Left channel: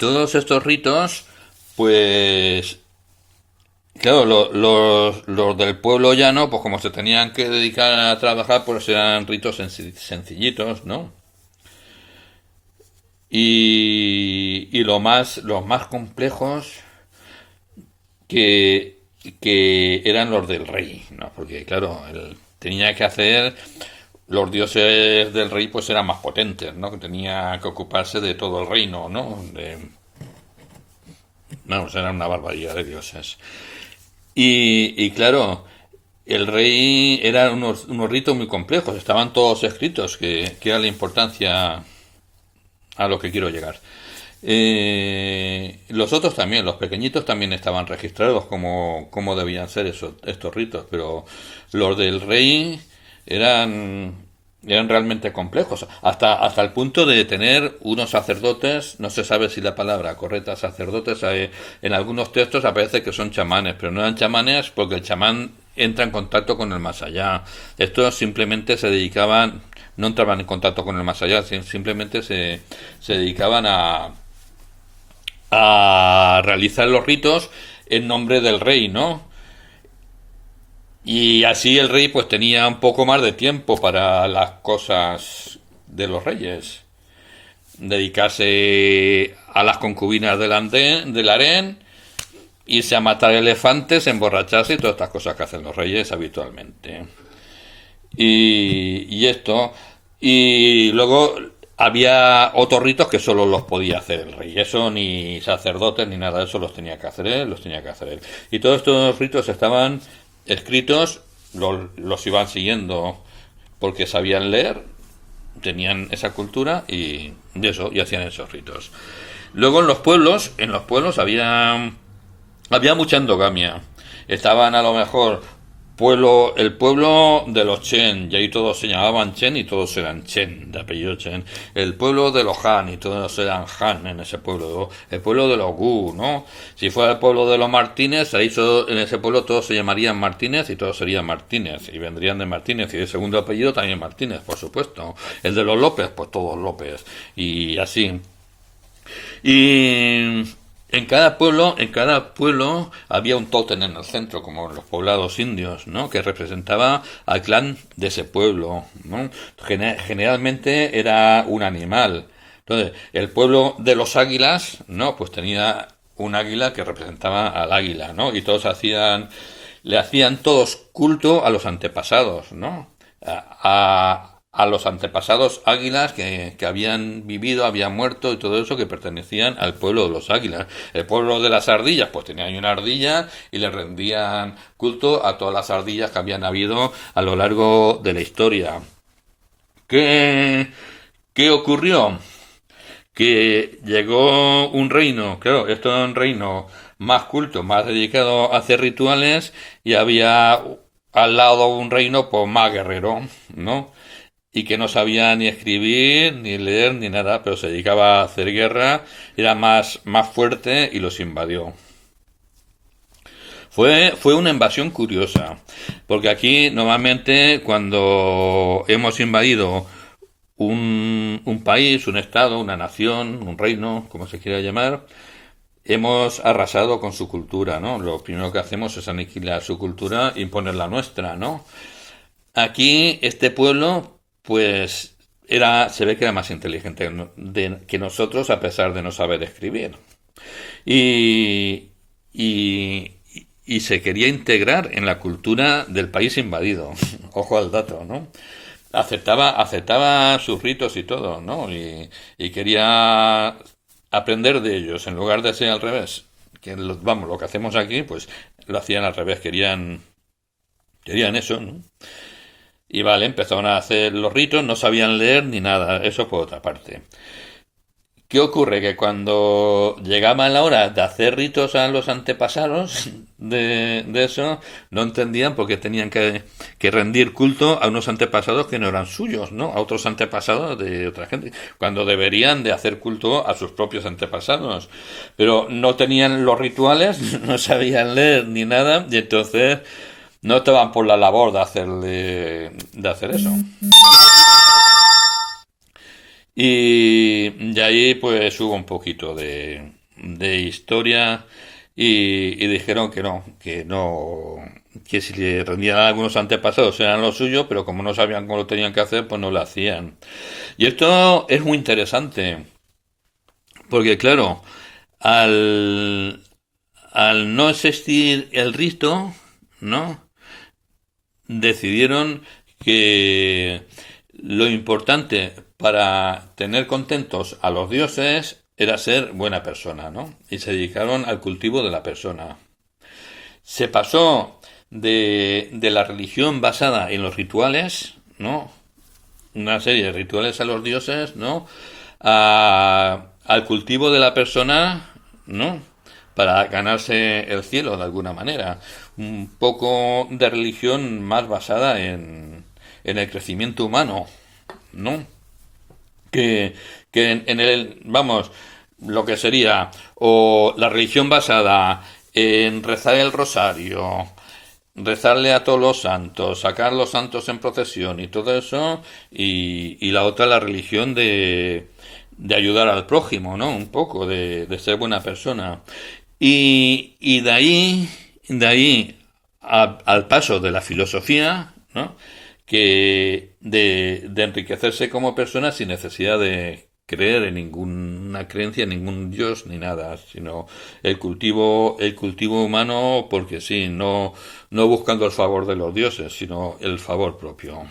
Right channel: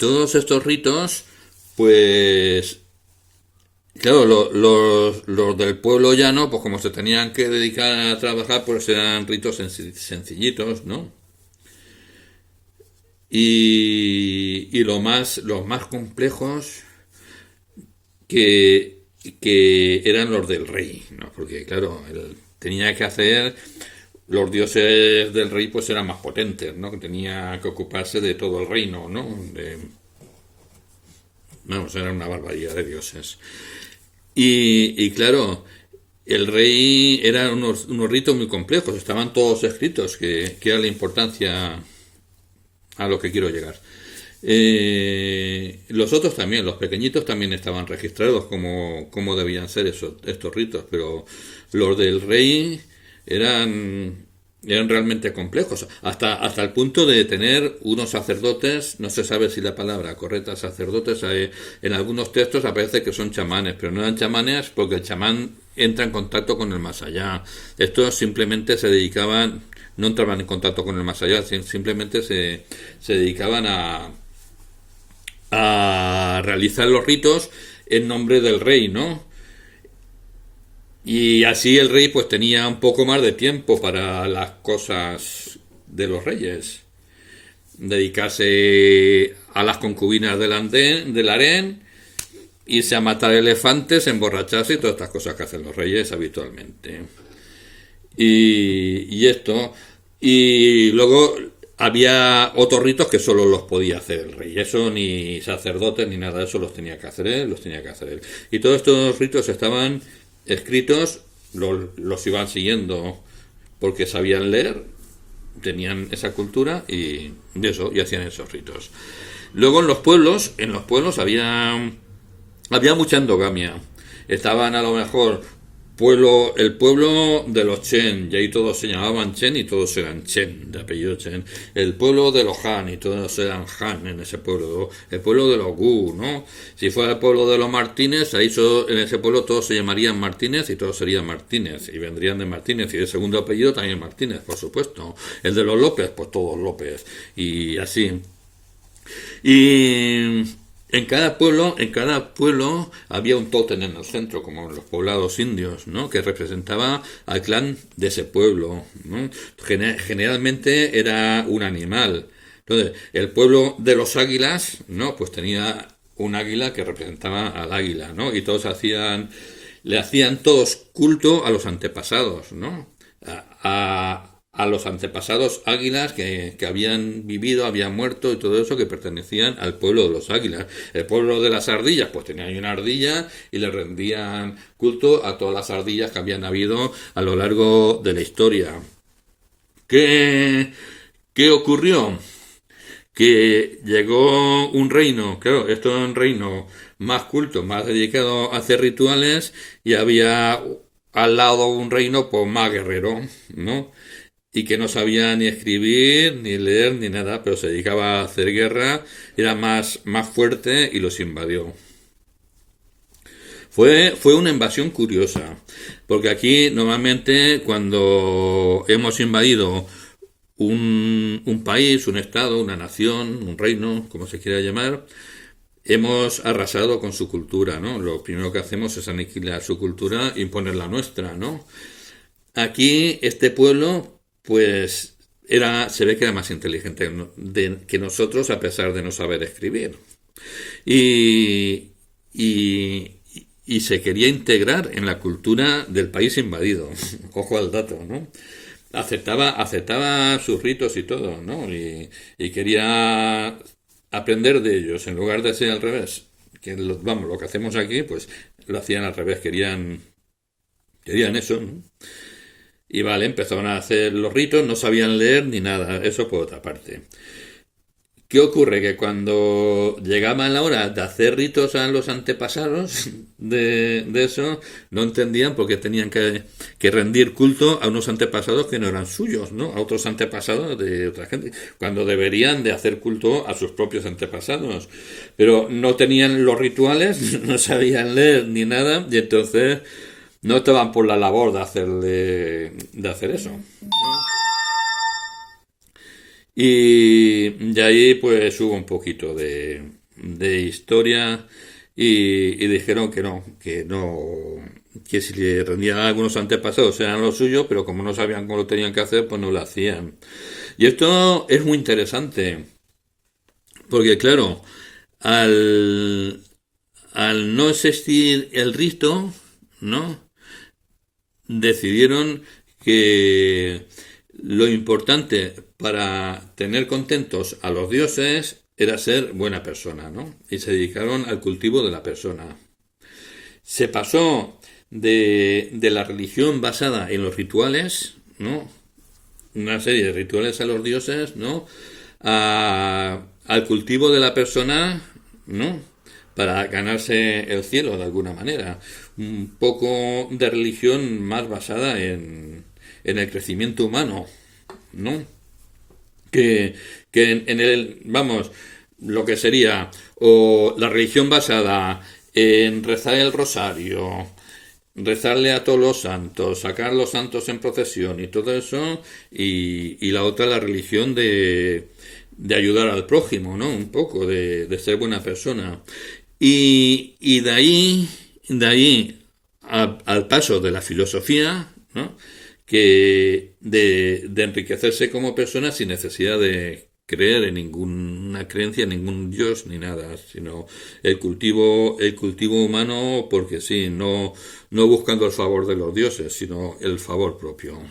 todos estos ritos, pues, claro, los del pueblo llano, pues como se tenían que dedicar a trabajar, pues eran ritos sencillitos, ¿no? Y los más complejos que, que eran los del rey, ¿no? Porque, claro, él tenía que hacer, los dioses del rey pues eran más potentes, ¿no? Que tenía que ocuparse de todo el reino, ¿no? Vamos, eran una barbaridad de dioses. Y claro, el rey eran unos ritos muy complejos, estaban todos escritos, que era la importancia a lo que quiero llegar. Los otros también, los pequeñitos también estaban registrados como debían ser estos ritos, pero los del rey eran, eran realmente complejos, hasta el punto de tener unos sacerdotes, no se sabe si la palabra correcta sacerdotes, en algunos textos aparece que son chamanes, pero no eran chamanes porque el chamán entra en contacto con el más allá. Estos simplemente se dedicaban, no entraban en contacto con el más allá, simplemente se dedicaban a realizar los ritos en nombre del rey, ¿no? Y así el rey pues tenía un poco más de tiempo para las cosas de los reyes. Dedicarse a las concubinas del harén, irse a matar elefantes, emborracharse y todas estas cosas que hacen los reyes habitualmente. Y esto. Y luego había otros ritos que solo los podía hacer el rey. Eso ni sacerdotes ni nada de eso los tenía que hacer él, los tenía que hacer él. Y todos estos ritos estaban escritos, los iban siguiendo porque sabían leer, tenían esa cultura y eso, y hacían esos ritos. Luego en los pueblos había mucha endogamia. Estaban a lo mejor el pueblo de los Chen, y ahí todos se llamaban Chen y todos eran Chen, de apellido Chen. El pueblo de los Han, y todos eran Han en ese pueblo. El pueblo de los Gu, ¿no? Si fuera el pueblo de los Martínez, ahí en ese pueblo todos se llamarían Martínez y todos serían Martínez, y vendrían de Martínez, y de segundo apellido también Martínez, por supuesto. El de los López, pues todos López, y así. Y en cada pueblo había un tótem en el centro, como en los poblados indios, ¿no? Que representaba al clan de ese pueblo, ¿no? Generalmente era un animal. Entonces, el pueblo de los águilas, ¿no? Pues tenía un águila que representaba al águila, ¿no? Y le hacían todos culto a los antepasados, ¿no? A los antepasados águilas que habían vivido, habían muerto y todo eso, que pertenecían al pueblo de los águilas. El pueblo de las ardillas, pues tenía ahí una ardilla y le rendían culto a todas las ardillas que habían habido a lo largo de la historia. ¿Qué ocurrió? Que llegó un reino, claro, esto era un reino más culto, más dedicado a hacer rituales, y había al lado un reino pues más guerrero, ¿no? Y que no sabía ni escribir, ni leer, ni nada, pero se dedicaba a hacer guerra, era más fuerte y los invadió. Fue una invasión curiosa, porque aquí normalmente cuando hemos invadido un país, un estado, una nación, un reino, como se quiera llamar, hemos arrasado con su cultura, ¿no? Lo primero que hacemos es aniquilar su cultura e imponer la nuestra, ¿no? Aquí, este pueblo, pues, se ve que era más inteligente que nosotros, a pesar de no saber escribir. Y, y, y se quería integrar en la cultura del país invadido. Ojo al dato, ¿no? Aceptaba sus ritos y todo, ¿no? Y quería aprender de ellos, en lugar de ser al revés. Vamos, lo que hacemos aquí, pues lo hacían al revés, querían eso, ¿no? Y vale, empezaron a hacer los ritos, no sabían leer ni nada, eso por otra parte. ¿Qué ocurre? Que cuando llegaba la hora de hacer ritos a los antepasados de eso, no entendían por qué tenían que rendir culto a unos antepasados que no eran suyos, ¿no? A otros antepasados de otra gente, cuando deberían de hacer culto a sus propios antepasados. Pero no tenían los rituales, no sabían leer ni nada, y entonces no estaban por la labor de hacer eso. Y de ahí pues hubo un poquito de historia y dijeron que no, que si le rendían a algunos antepasados eran lo suyo, pero como no sabían cómo lo tenían que hacer, pues no lo hacían. Y esto es muy interesante, porque claro, al, al no existir el rito, ¿no? Decidieron que lo importante para tener contentos a los dioses era ser buena persona, ¿no? Y se dedicaron al cultivo de la persona. Se pasó de la religión basada en los rituales, ¿no? Una serie de rituales a los dioses, ¿no? Al cultivo de la persona, ¿no? Para ganarse el cielo de alguna manera. Un poco de religión más basada en el crecimiento humano, ¿no? Que, que en el, vamos, lo que sería, o la religión basada en rezar el rosario, rezarle a todos los santos, sacar los santos en procesión y todo eso, y la otra la religión de ayudar al prójimo, ¿no? Un poco, de ser buena persona. Y de ahí al paso de la filosofía, ¿no? Que de enriquecerse como persona sin necesidad de creer en ninguna creencia, en ningún dios ni nada, sino el cultivo humano porque sí, no buscando el favor de los dioses, sino el favor propio.